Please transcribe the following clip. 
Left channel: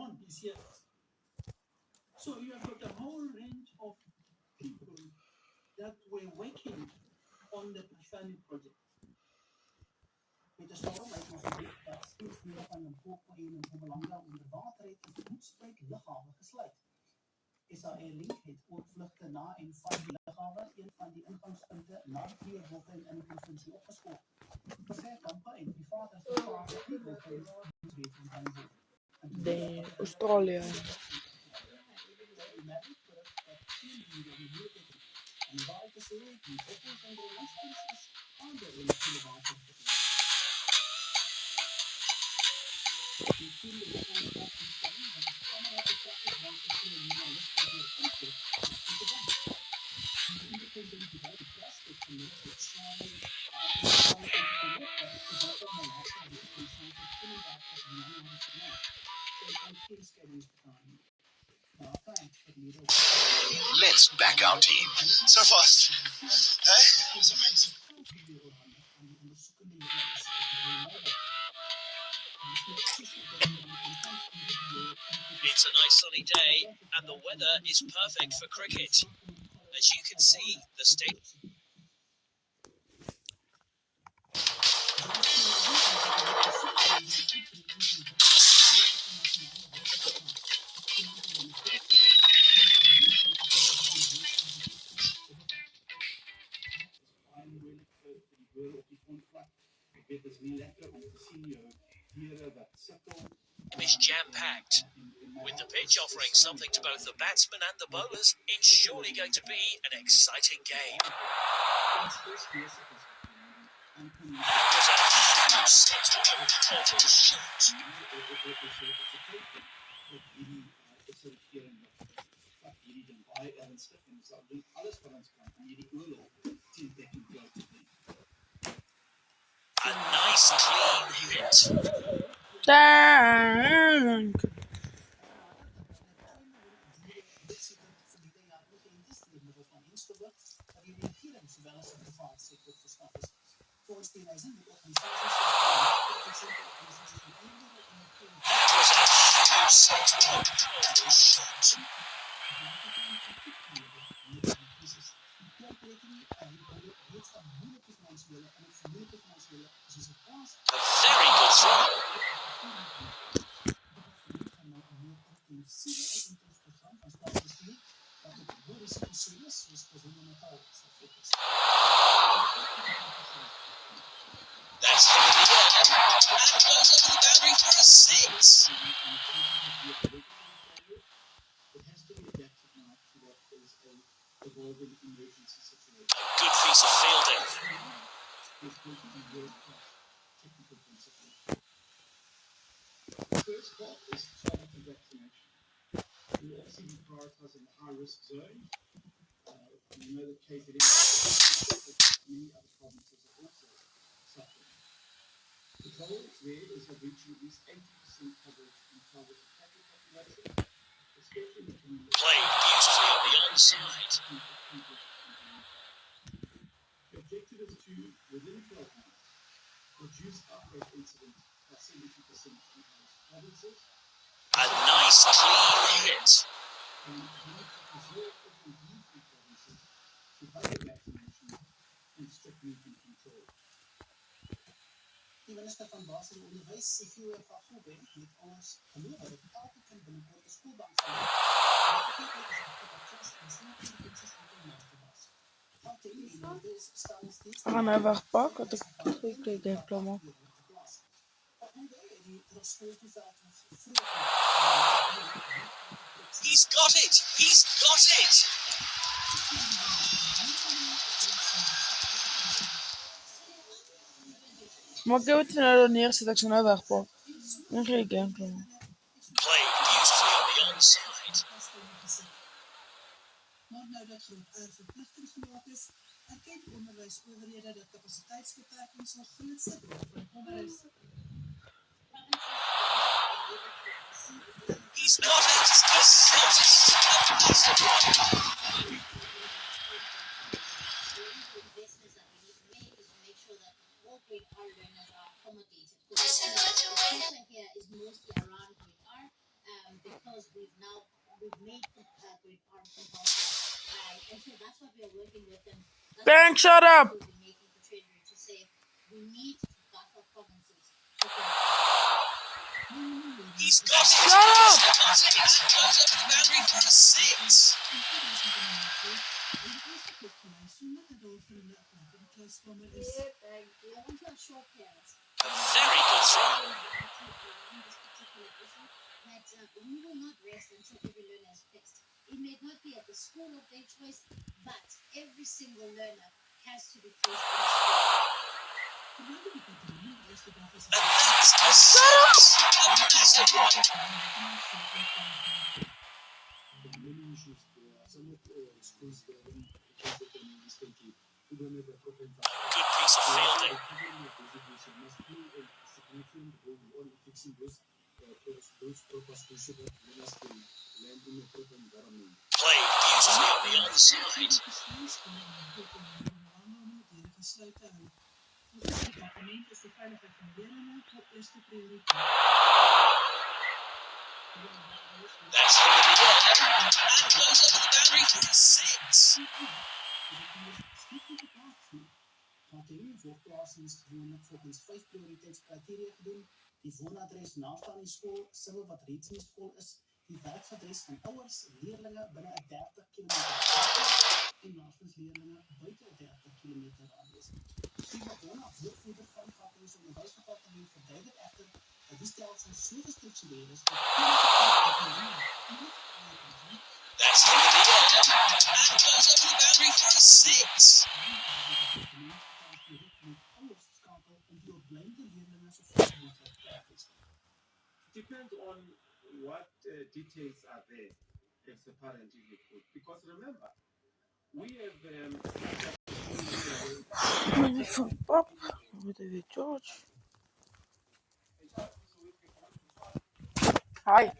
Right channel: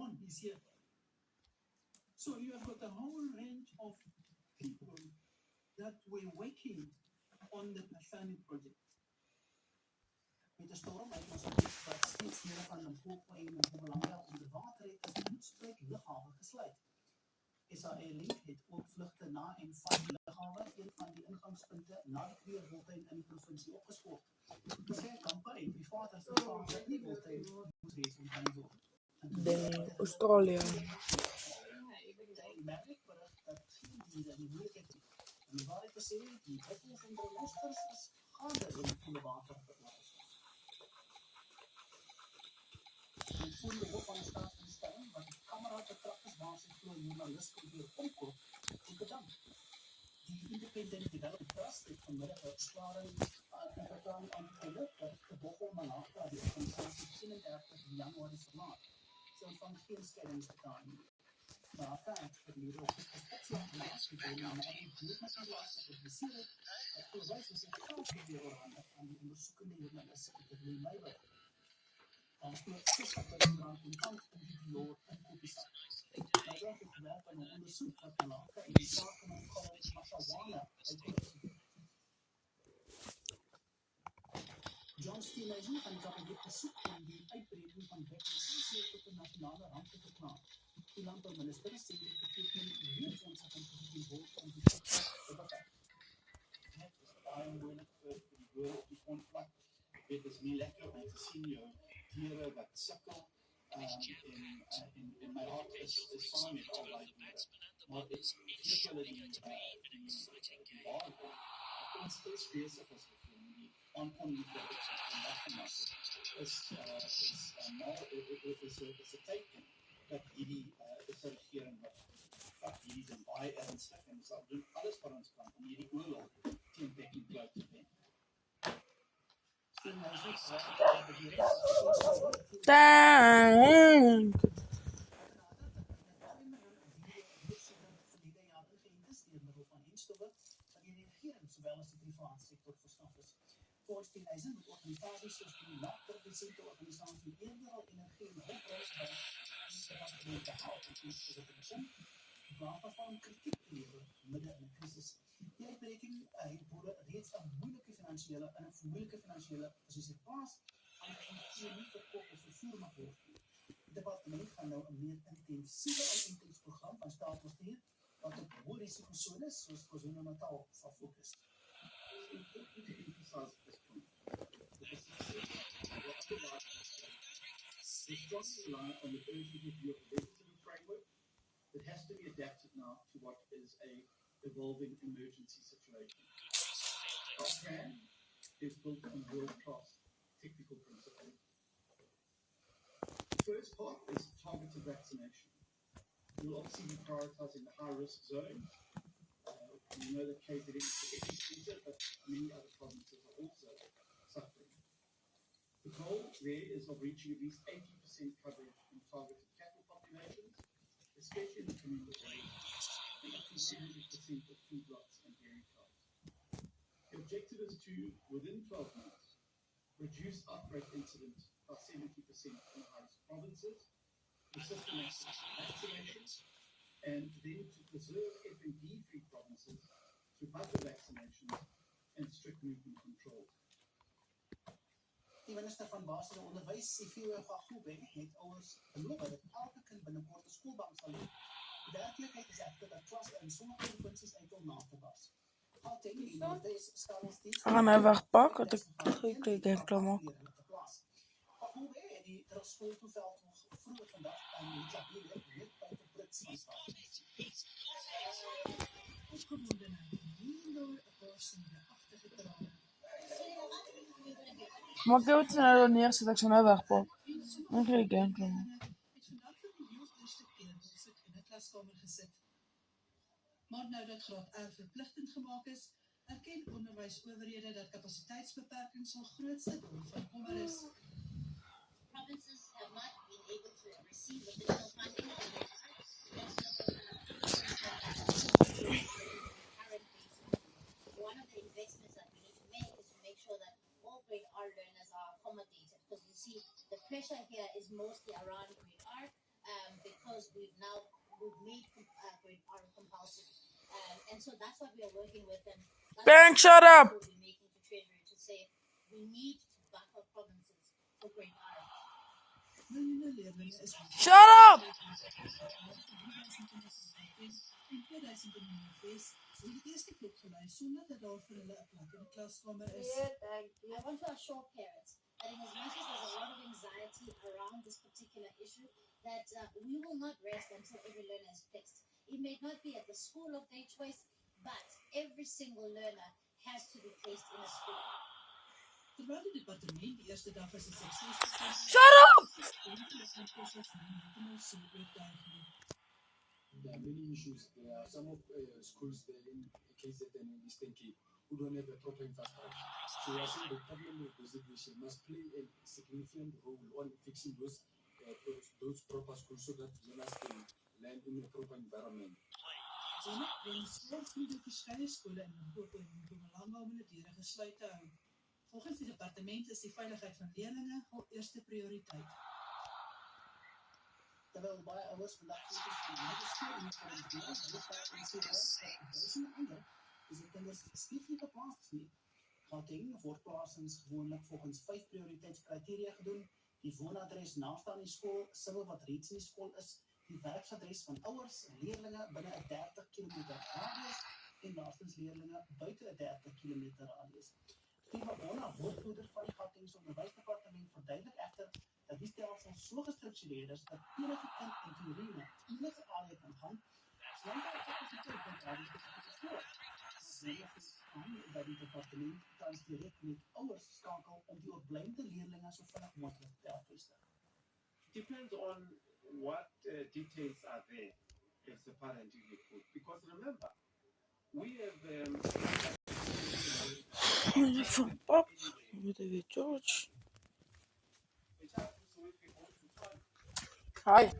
John is here. So you have got a whole range of people that were working on the Pasani project. Met 'n storm uit ons gebied wat steeds meer van Limpopo en Mpumalanga onder water het, is die Hoedspruit lughawe gesluit. SAA Link het ook vlugte na en van die lughawe, een van die ingangspunte na die Kleurwiltuin in die provinsie, opgeskort. Verskeie kampe en private institusies wat nie wiltuin wees om aan die word. Australië. En die waarheid te sê, die buffels en die luisters is gaande in die koele water te oor. Die voelde hoofdmanskap die stelling dat die kamera betrachtig basis voor journalisten weer inkoop en te bank. Die independent development trust het vanmiddag het zware anti-terreurwerk gevolg om Malasia die organisatie 31 januari verlaat. Sy kan geen scheidings betaal nie. Let's back our team. So fast. Hey? It's a nice sunny day and the weather is perfect for cricket. As you can see, the state... is jam-packed. With the pitch offering something to both the batsmen and the bowlers, it's surely going to be an exciting game. A nice clean hit. Dank. A very good throw. That's heavily hit. And it goes over the boundary for a six. It has to be adapted now to what is a evolving emergency situation. A good piece of fielding. It's built on world-class technical principles. The first part is targeted vaccination. We'll obviously be prioritizing the high-risk zone. We know that KZN is but many other provinces are also suffering. The goal there is of reaching at least 80% coverage in targeted cattle population, especially in the community. Played beautifully on the onside. The objective is to, within 12 months, reduce outbreak incidents by 70% in host provinces. A nice clean hit. And then to preserve FND-free provinces through other vaccinations and strict movement control. Die minister van Basis en Onderwys, Sifiwe Gagube, het ons beloof dat elke kind binnekort 'n skoolbank sal hê. Werklikheid is agter dat klas en sommige provinsies enkel mate was. Ik ga nou wegpakken, want ik denk klaar maak. He's got it! He's got it! Maar ik heb het nou neerzet, ik zou nou wegpakken. Dan ga ik denk klaar maken. Played beautifully on the onside. Maar nou dat graad R verpligtend gemaak is, erken onderwysowerhede dat kapasiteitsbeperkings 'n grootste deel van onderwys. He's got it! He's got it! Fantastic one! One of the investments that we need to make is to make sure that all grade R learners are accommodated. Because the pressure here is mostly around grade R. we've made our compulsory, and so that's what we are working with them. Ben, shut up. We'll be making the Treasury to say we need buffer provinces. He's got it. Shut up! He's close up to the boundary for a six. I want to assure parents A very good throw. around this particular issue that we will not rest until every learner is fixed. It may not be at the school of their choice, but every single learner has to be placed in a school. Shut up! There are many issues. There are some of schools there in Eastern Cape who don't have the proper infrastructure. Good piece of So I think fielding. the government designation must play a significant role on fixing those proper schools so that learners can learn in a proper environment. Played beautifully on the onside. Volgens het departement is de veiligheid van leerlingen op eerste prioriteit. That's going to be well. And close up to the boundary for a six. Gauteng word plasings gewoonlik volgens 5 prioriteitskriteria gedoen. Die woonadres naaste aan die skool, civil wat reeds in die skool is, die werkadres van ouers, leerlinge binne 'n 30 km radius en laastens leerlinge buite 'n 30 km radius. Die bewoner woordvoerder van die Gautengse Onderwysdepartement verduidelik egter dat die stelsel so gestruktureer is dat enige tale kan gaan. That's going to be well. And close up to the boundary for a six. Dat die departement tans direk met ouers skakel om die opblyende leerlinge so ver moontlik te hervestig. Depends on what details are there as a parent in the food. Because remember, we have Meneer Van Pap, met de George. Hi.